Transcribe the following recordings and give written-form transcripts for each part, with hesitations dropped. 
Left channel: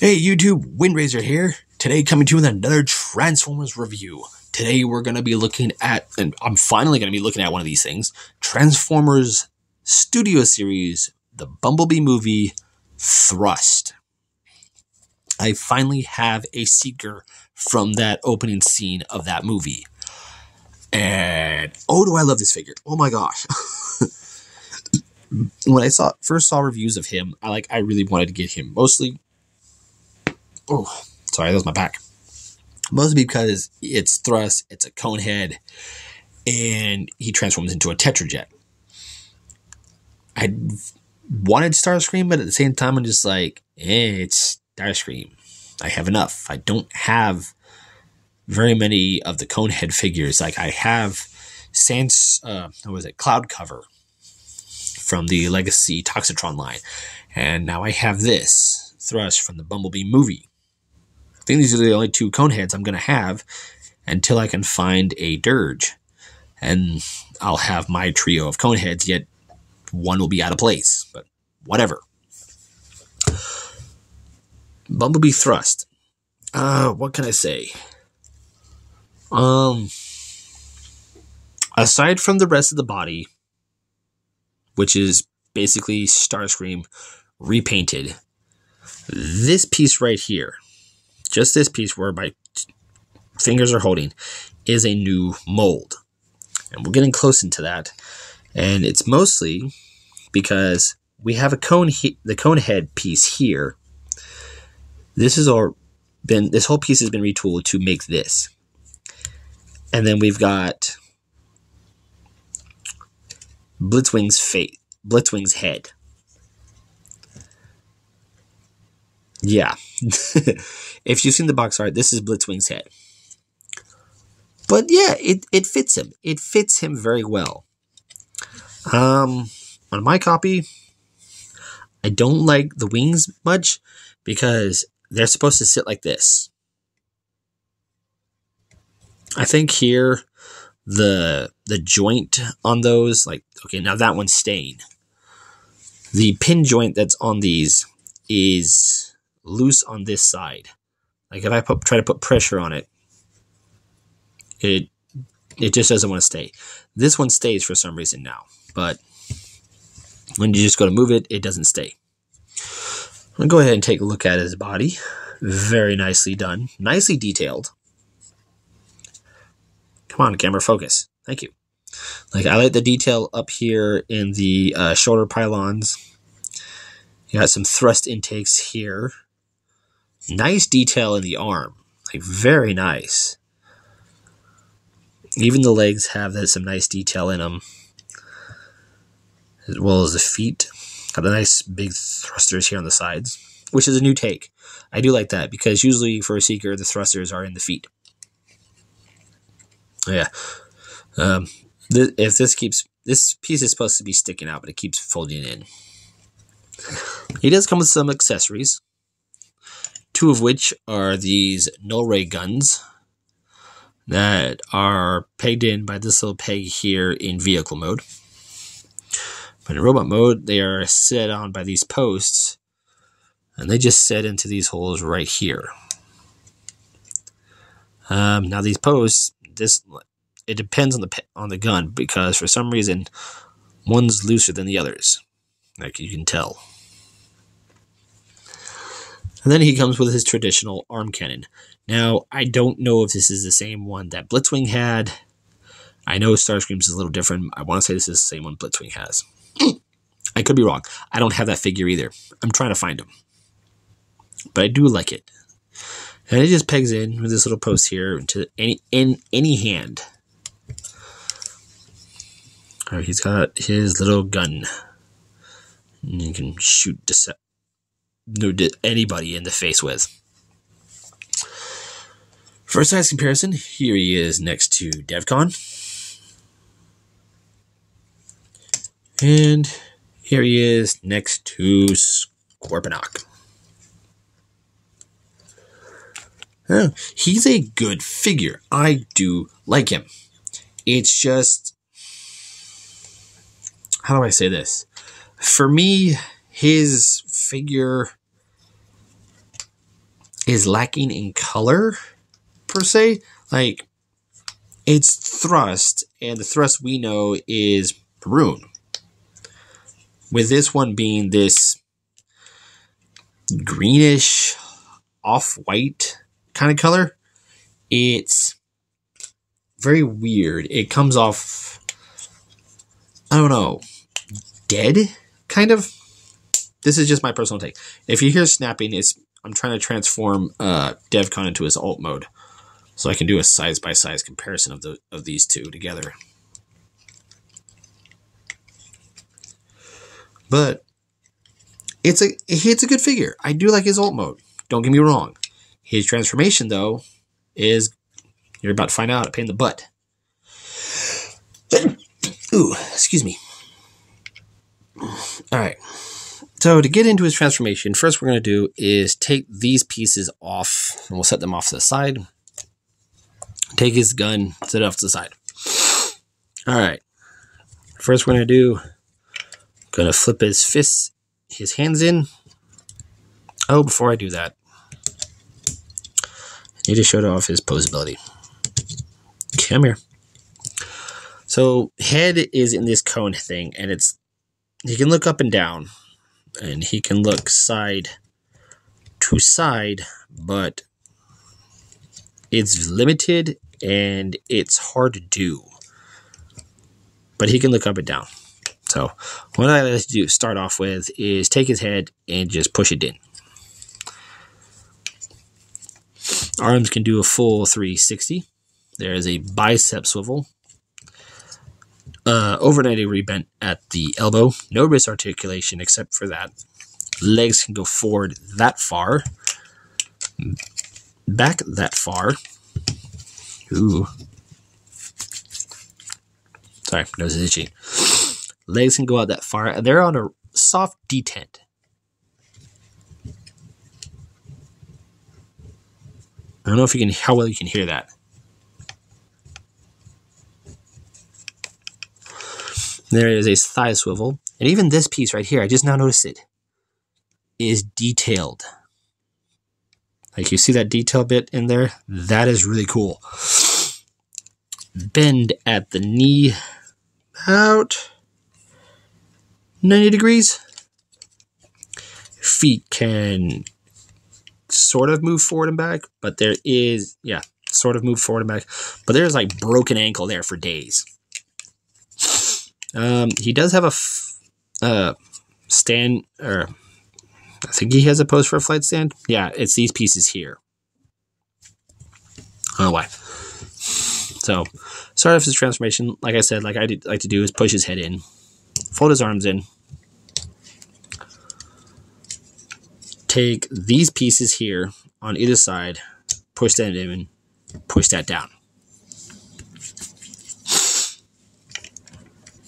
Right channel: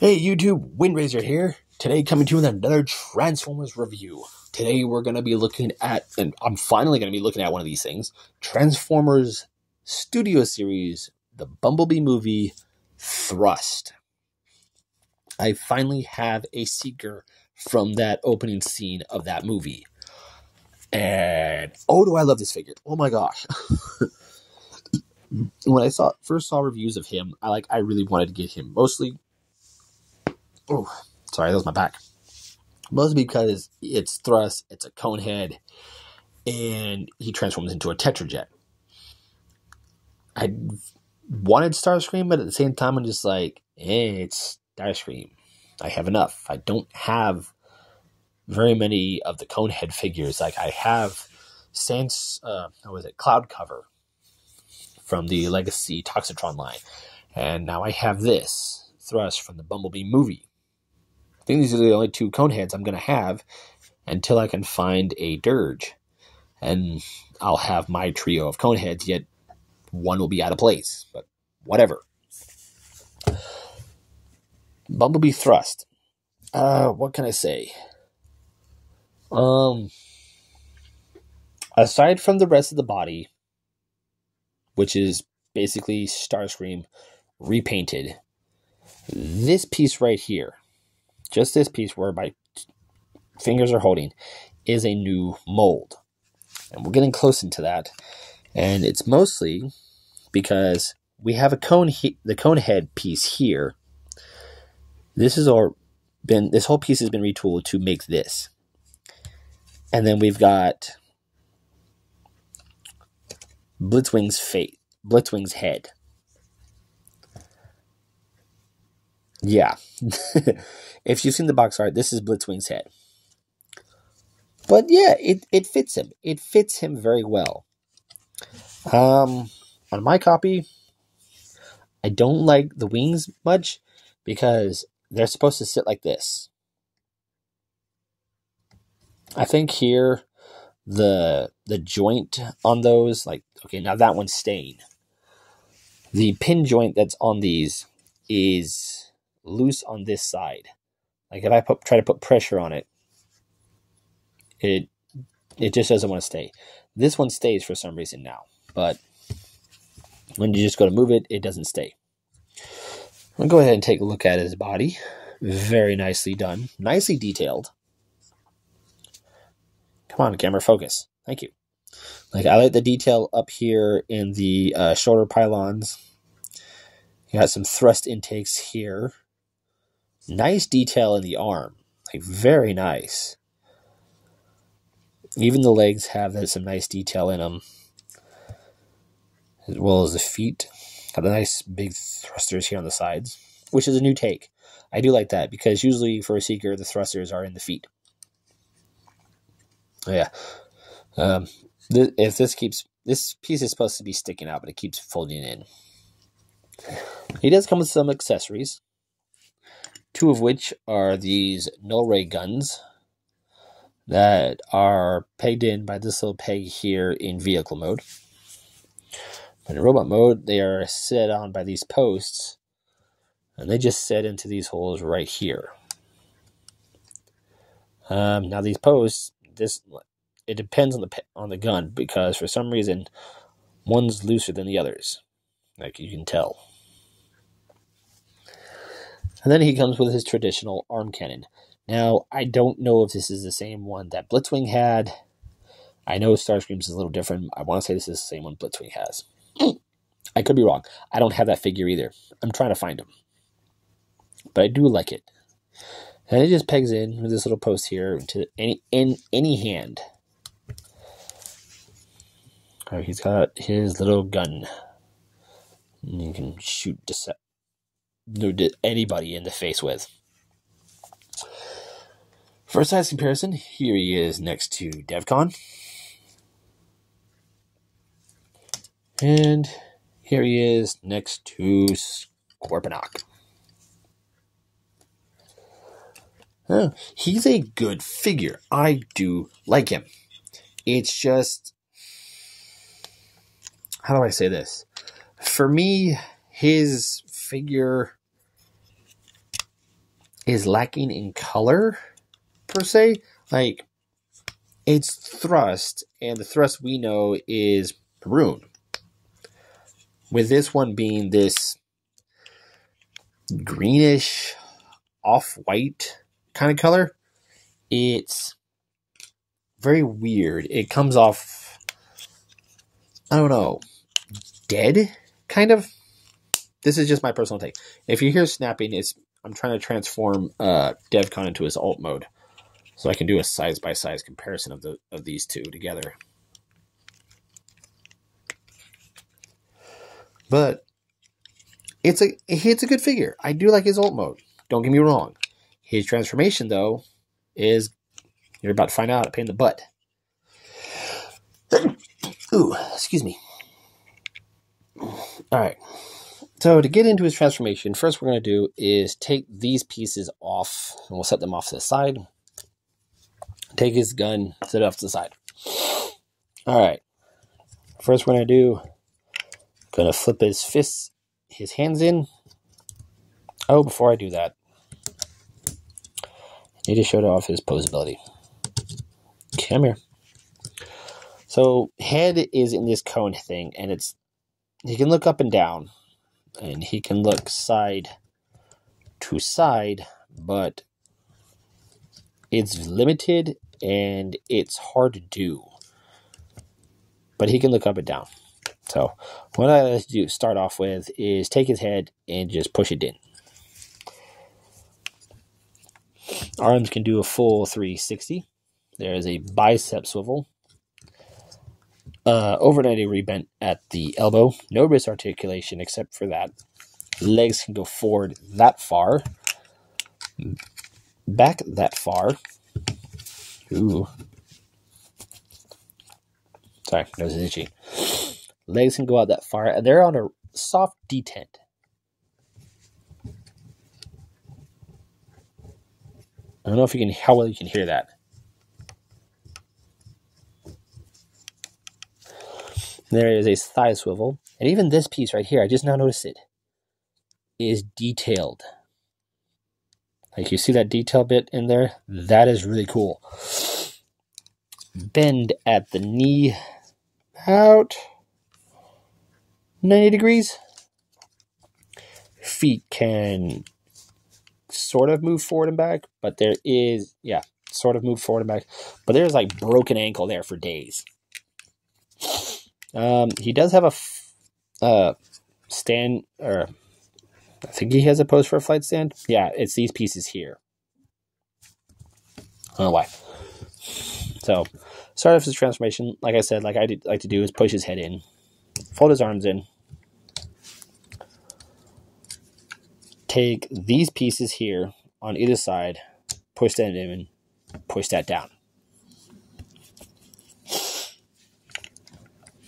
Hey YouTube, Windraiser here. Today coming to you with another Transformers review. Today we're going to be looking at, and I'm finally going to be looking at one of these things, Transformers Studio Series, the Bumblebee movie, Thrust. I finally have a Seeker from that opening scene of that movie. And, oh, do I love this figure. Oh my gosh. When I first saw reviews of him, I really wanted to get him. Mostly, oh, sorry, that was my back. Mostly because it's Thrust, it's a cone head, and he transforms into a Tetrajet. I wanted Starscream, but at the same time, I'm just like, it's Starscream. I have enough. I don't have very many of the Conehead figures. Like, I have Cloud Cover from the Legacy Toxitron line. And now I have this, Thrust, from the Bumblebee movie. I think these are the only two Coneheads I'm going to have until I can find a Dirge. And I'll have my trio of Coneheads, yet one will be out of place. But whatever. Bumblebee Thrust. What can I say? Aside from the rest of the body, which is basically Starscream repainted, this piece right here, just this piece where my fingers are holding, is a new mold. And we're getting close into that. And it's mostly because we have the cone head piece here. This whole piece has been retooled to make this. And then we've got Blitzwing's head. Yeah. If you've seen the box art, this is Blitzwing's head. But yeah, it fits him. It fits him very well. On my copy, I don't like the wings much because they're supposed to sit like this. I think here the joint on those, like, okay, now that one's staying. The pin joint that's on these is loose on this side. Like, if I try to put pressure on it, it just doesn't want to stay. This one stays for some reason now, but when you just go to move it, it doesn't stay. I'm going to go ahead and take a look at his body. Very nicely done. Nicely detailed. Come on, camera, focus. Thank you. Like, I like the detail up here in the shoulder pylons. You got some thrust intakes here. Nice detail in the arm. Like, very nice. Even the legs have some nice detail in them. As well as the feet. Got a nice big thrusters here on the sides, which is a new take. I do like that because usually for a Seeker, the thrusters are in the feet. Yeah. This piece is supposed to be sticking out, but it keeps folding in. He does come with some accessories, two of which are these null ray guns that are pegged in by this little peg here in vehicle mode. But in robot mode, they are set on by these posts, and they just set into these holes right here. Now these posts, it depends on the gun, because for some reason one's looser than the others, like you can tell. And then he comes with his traditional arm cannon. Now, I don't know if this is the same one that Blitzwing had. I know Starscream's is a little different. I want to say this is the same one Blitzwing has. I could be wrong. I don't have that figure either. I'm trying to find him. But I do like it. And it just pegs in with this little post here into any hand. All right, he's got his little gun. And you can shoot anybody in the face with. For a size comparison, here he is next to DevCon. And here he is next to Scorponok. He's a good figure. I do like him. It's just, how do I say this? For me, his figure is lacking in color, per se. Like, it's thrust, and the thrust we know is maroon. With this one being this greenish, off-white kind of color, it's very weird. It comes off, I don't know, dead, kind of. This is just my personal take. If you hear snapping, I'm trying to transform DevCon into his alt mode, so I can do a size-by-size comparison of these two together. But it's a good figure. I do like his alt mode. Don't get me wrong. His transformation, though, is, you're about to find out, a pain in the butt. Ooh, excuse me. All right. So to get into his transformation, first we're going to do is take these pieces off, and we'll set them off to the side. Take his gun, set it off to the side. All right. First we're going to do, going to flip his hands in. Oh, before I do that, I need to show off his posability. Come here. So head is in this cone thing, and he can look up and down, and he can look side to side, but it's limited and it's hard to do. But he can look up and down. So what I like to start off with is take his head and just push it in. Arms can do a full 360. There is a bicep swivel. Over 90 degree bent at the elbow. No wrist articulation except for that. Legs can go forward that far. Back that far. Ooh. Sorry, nose is itchy. Legs can go out that far, and they're on a soft detent. I don't know if how well you can hear that. There is a thigh swivel, and even this piece right here, I just now noticed it, is detailed. Like, you see that detail bit in there? That is really cool. Bend at the knee about 90 degrees. Feet can sort of move forward and back, but there is, sort of move forward and back, but there's like broken ankle there for days. He does have a stand, or I think he has a pose for a flight stand. Yeah, it's these pieces here. I don't know why. So, start off his transformation. Like I said, like I like to do, is push his head in, fold his arms in, take these pieces here on either side, push that in, push that down.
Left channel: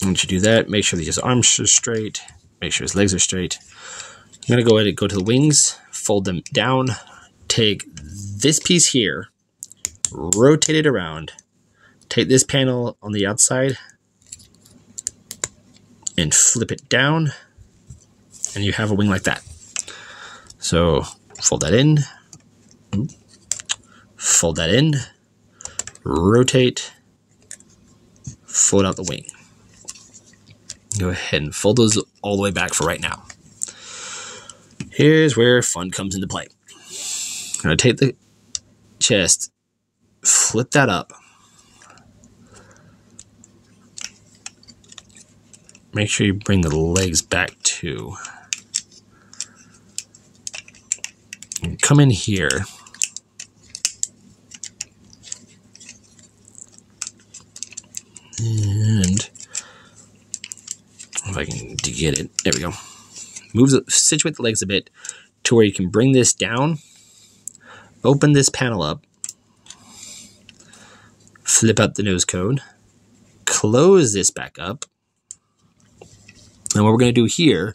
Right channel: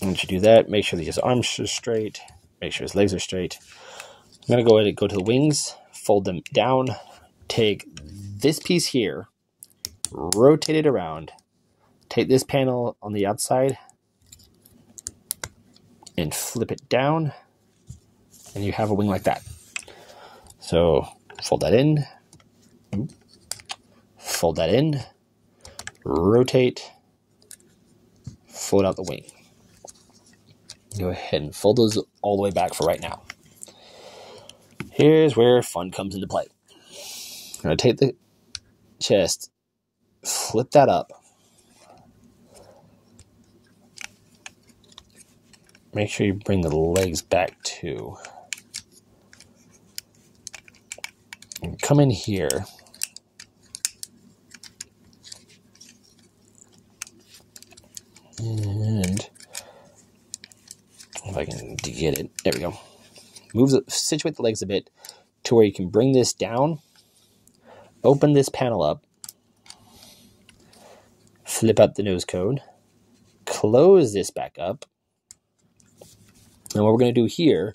Once you do that, make sure that his arms are straight, make sure his legs are straight. I'm going to go ahead and go to the wings, fold them down, take this piece here, rotate it around, take this panel on the outside, and flip it down, and you have a wing like that. So fold that in, fold that in, rotate, fold out the wing. Go ahead and fold those all the way back for right now. Here's where fun comes into play. I'm going to take the chest, flip that up. Make sure you bring the legs back too. And come in here. And if I can get it, there we go. Situate the legs a bit to where you can bring this down, open this panel up, flip out the nose cone, close this back up. And what we're going to do here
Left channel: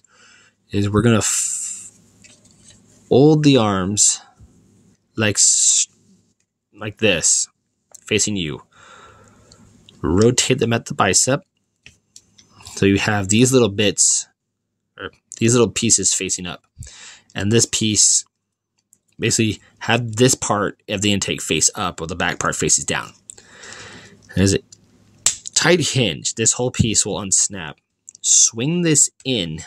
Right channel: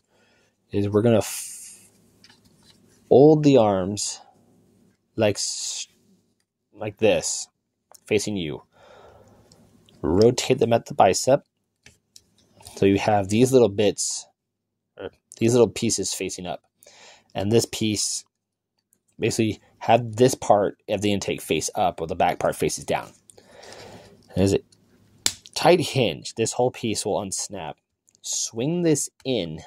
is we're going to fold the arms like this, facing you. Rotate them at the bicep. So you have these little bits, or these little pieces facing up. And this piece Basically, have this part of the intake face up, or the back part faces down. And as a tight hinge, this whole piece will unsnap. Swing this in,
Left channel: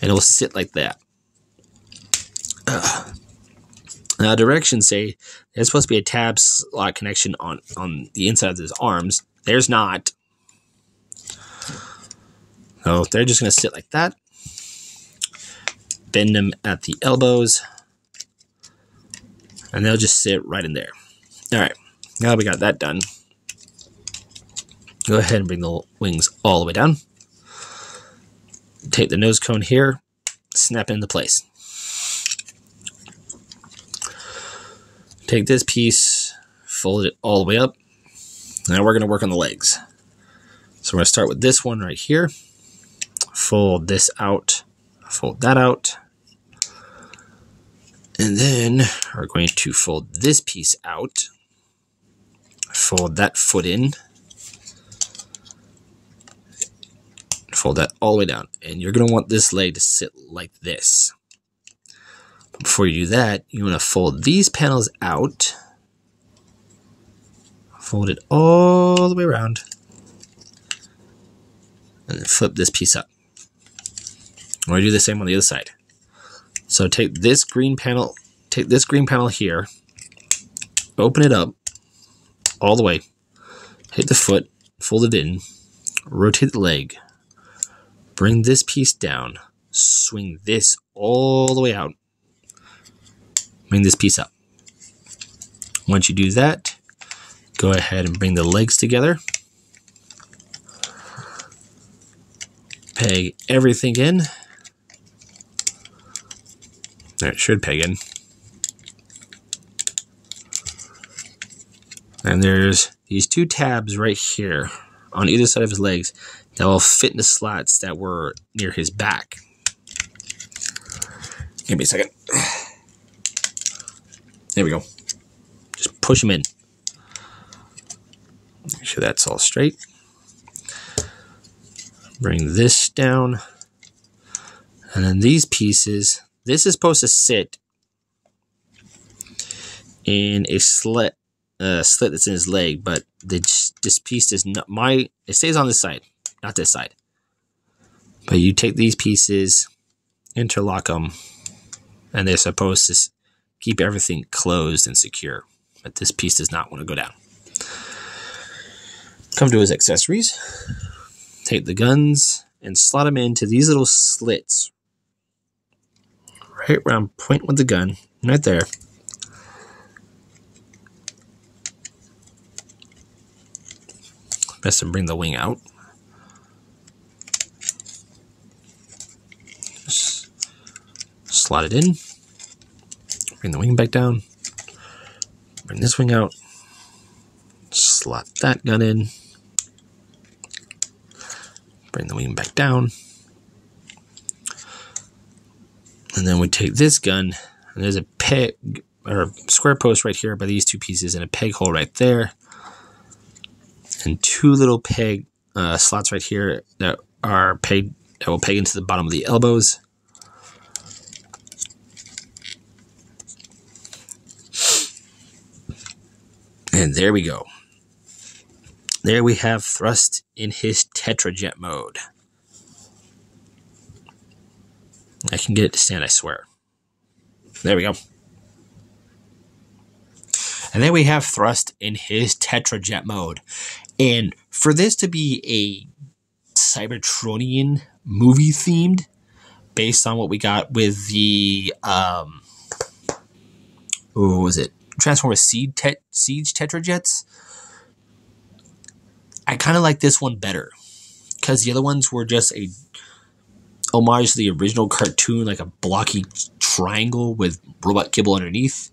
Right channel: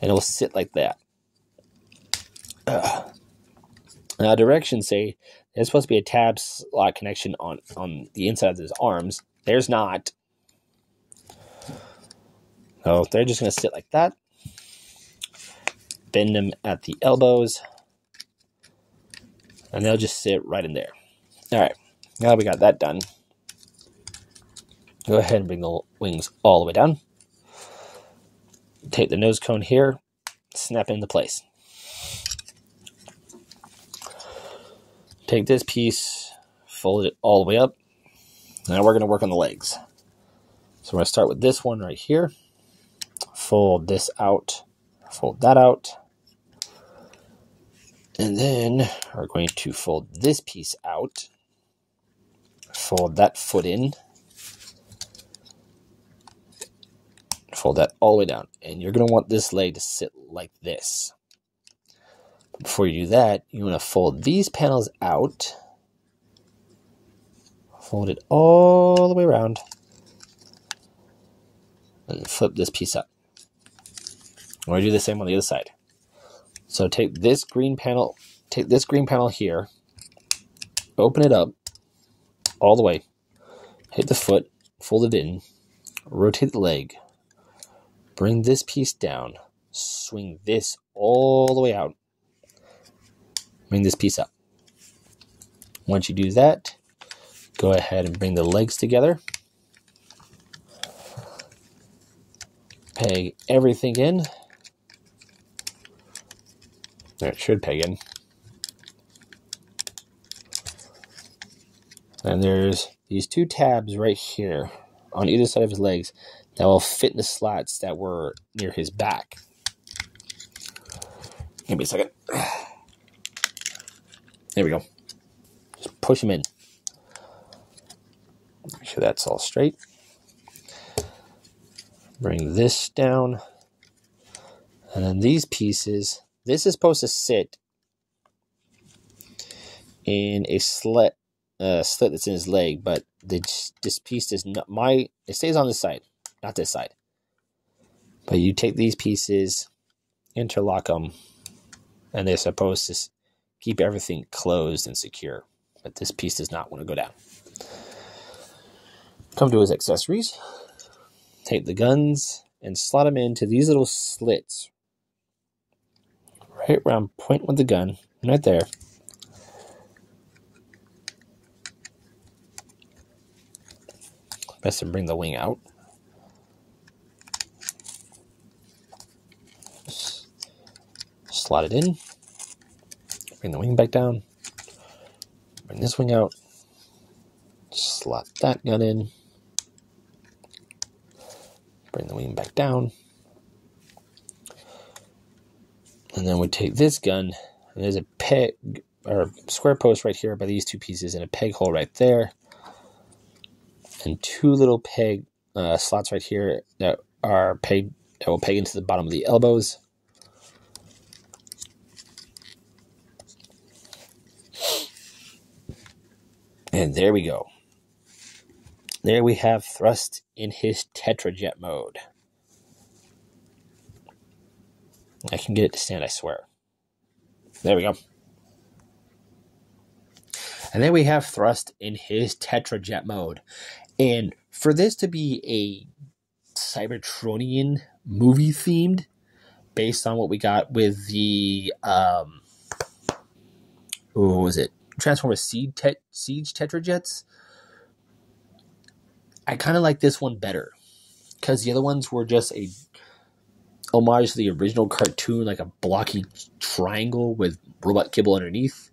and it will sit like that. Now, directions say there's supposed to be a tab slot connection on the inside of those arms. There's not. So they're just going to sit like that. Bend them at the elbows. And they'll just sit right in there. All right. Now that we got that done, go ahead and bring the wings all the way down. Take the nose cone here. Snap it into place. Take this piece, fold it all the way up. Now we're going to work on the legs. So we're going to start with this one right here. Fold this out, fold that out. And then we're going to fold this piece out, fold that foot in, fold that all the way down. And you're going to want this leg to sit like this. Before you do that, you want to fold these panels out, fold it all the way around, and then flip this piece up. We're going to do the same on the other side. So take this green panel here, open it up all the way, hit the foot, fold it in, rotate the leg, bring this piece down, swing this all the way out, bring this piece up. Once you do that, go ahead and bring the legs together. Peg everything in. There, it should peg in. And there's these two tabs right here on either side of his legs that will fit in the slots that were near his back. Give me a second. There we go. Just push them in. Make sure that's all straight. Bring this down. And then these pieces, this is supposed to sit in a slit that's in his leg, but this piece is not it stays on this side, not this side. But you take these pieces, interlock them, and they're supposed to keep everything closed and secure. But this piece does not want to go down. Come to his accessories. Take the guns and slot them into these little slits. Right around point with the gun, right there. Best to bring the wing out. Just slot it in. Bring the wing back down. Bring this wing out. Slot that gun in. Bring the wing back down. And then we take this gun, and there's a peg or square post right here by these two pieces and a peg hole right there. And two little peg slots right here that will peg into the bottom of the elbows. And there we go. There we have Thrust in his Tetrajet mode. I can get it to stand, I swear. There we go. And then we have Thrust in his Tetrajet mode. And for this to be a Cybertronian movie themed, based on what we got with the what was it? Transformers Siege Tetrajets. I kind of like this one better, because the other ones were just a homage to the original cartoon, like a blocky triangle with robot kibble underneath.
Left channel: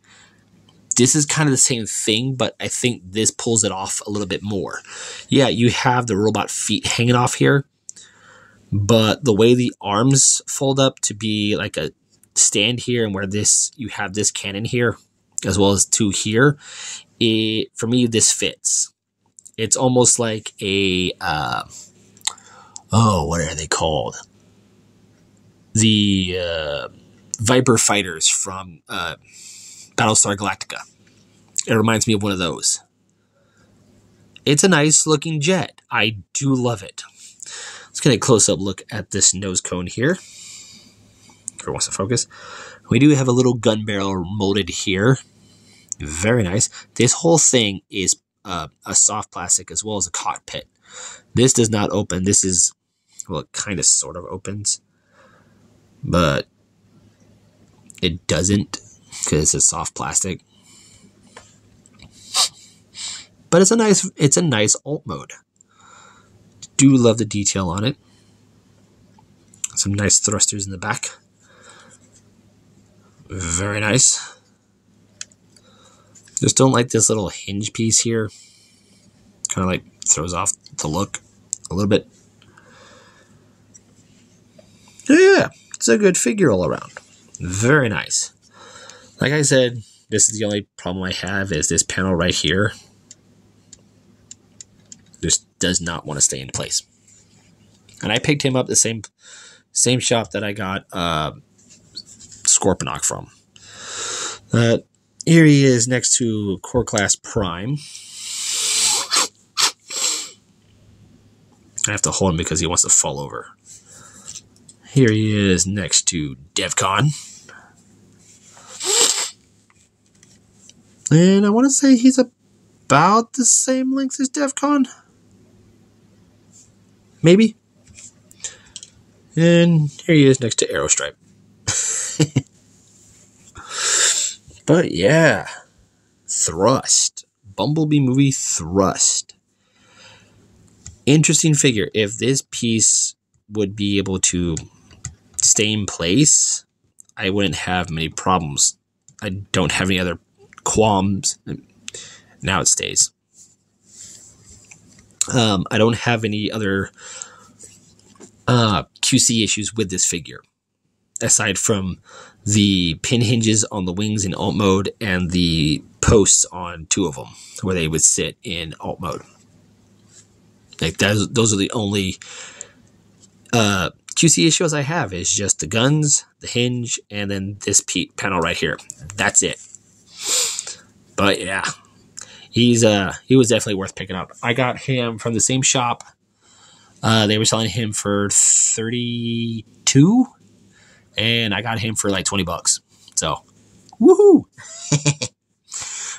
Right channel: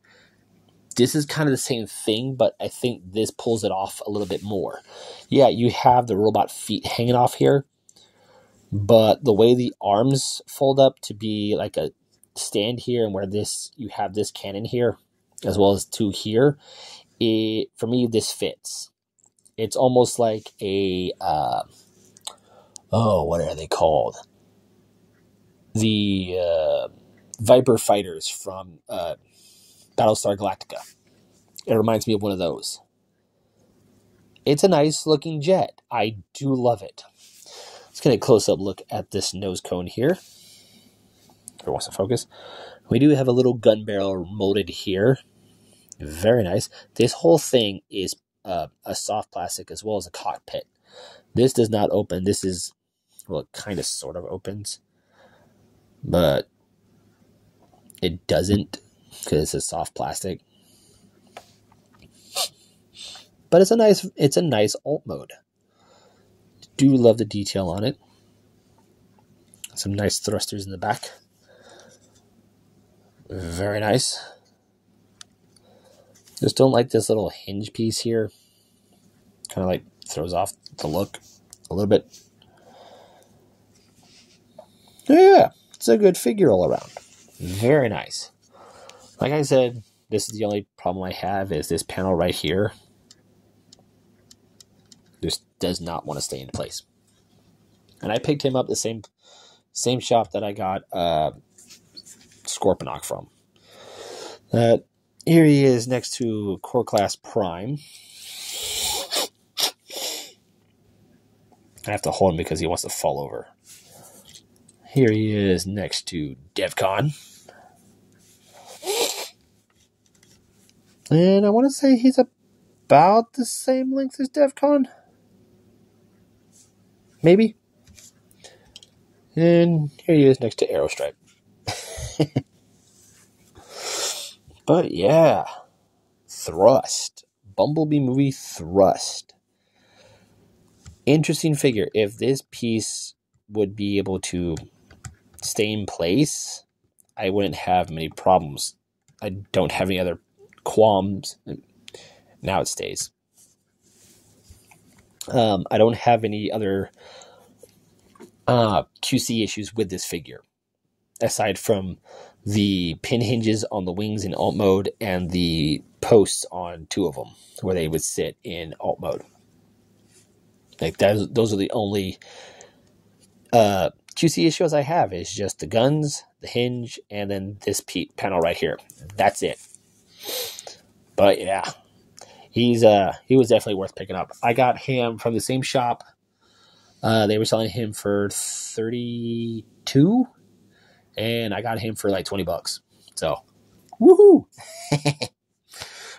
This is kind of the same thing, but I think this pulls it off a little bit more. Yeah, you have the robot feet hanging off here, but the way the arms fold up to be like a stand here, and where you have this cannon here, as well as two here, for me, this fits. It's almost like a, what are they called? The Viper fighters from Battlestar Galactica. It reminds me of one of those. It's a nice looking jet. I do love it. Let's get a close-up look at this nose cone here. If it wants to focus. We do have a little gun barrel molded here. Very nice. This whole thing is a soft plastic as well as a cockpit. This does not open. This is, well, it kind of sort of opens. But it doesn't because it's soft plastic. But it's a nice alt mode. Do love the detail on it. Some nice thrusters in the back. Very nice. Just don't like this little hinge piece here. Kind of like throws off the look a little bit. Yeah, it's a good figure all around. Very nice. Like I said, this is the only problem I have is this panel right here. Just does not want to stay in place. And I picked him up the same shop that I got Scorponok from. Here he is next to Core Class Prime. I have to hold him because he wants to fall over. Here he is next to DevCon. And I want to say he's about the same length as DevCon. Maybe. And here he is next to Aerostripe. But yeah. Thrust. Bumblebee movie Thrust. Interesting figure. If this piece would be able to stay in place, I wouldn't have many problems. I don't have any other qualms. Now it stays. I don't have any other QC issues with this figure, aside from the pin hinges on the wings in alt mode and the posts on two of them where they would sit in alt mode. Like those are the only QC issues I have. Is just the guns, the hinge, and then this panel right here. That's it. But yeah. He was definitely worth picking up. I got him from the same shop. They were selling him for $32, and I got him for like $20. So, woohoo!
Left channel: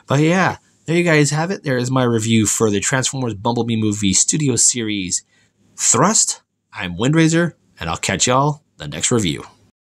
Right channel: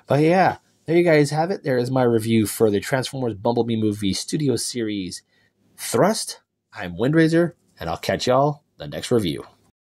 But yeah, there you guys have it. There is my review for the Transformers Bumblebee movie Studio Series Thrust. I'm Windraiser, and I'll catch y'all the next review.